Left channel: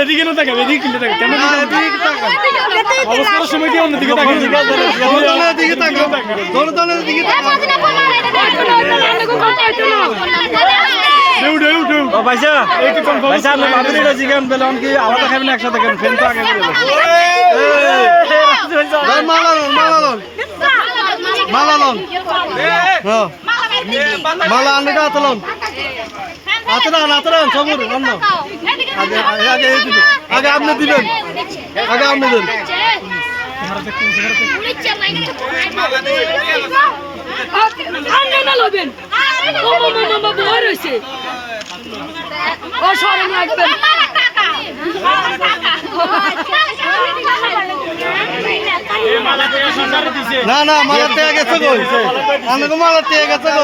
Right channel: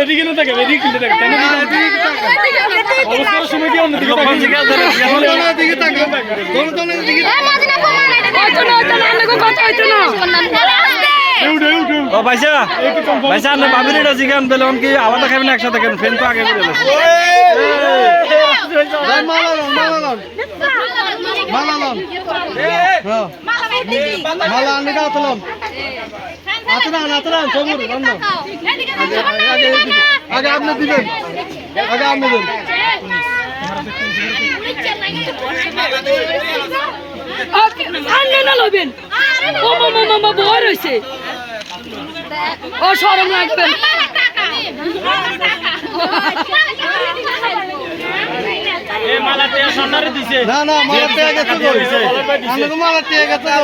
এদিকে না দেখে এদিকে কিনতে দেখে কেন এদিকে তাকা অবস্থা সময় দিয়ে অন্যদিকে তাকা দোনো দিকে তাকা ও ভাইসা ভাইসা আপনি ভাবির এটা চিকেন বেলন কি আলাদা খাবেন একসাথে খাবেন ফ্রেন্ড তো আগে করে মালালন মালা আনলে আতলন আতরান সবুর বন্ধ আগে আপনি দিবেন আগে আপনি দেন না না মালা টেয়া গেছে আমাকে মালা টেয়া গেছে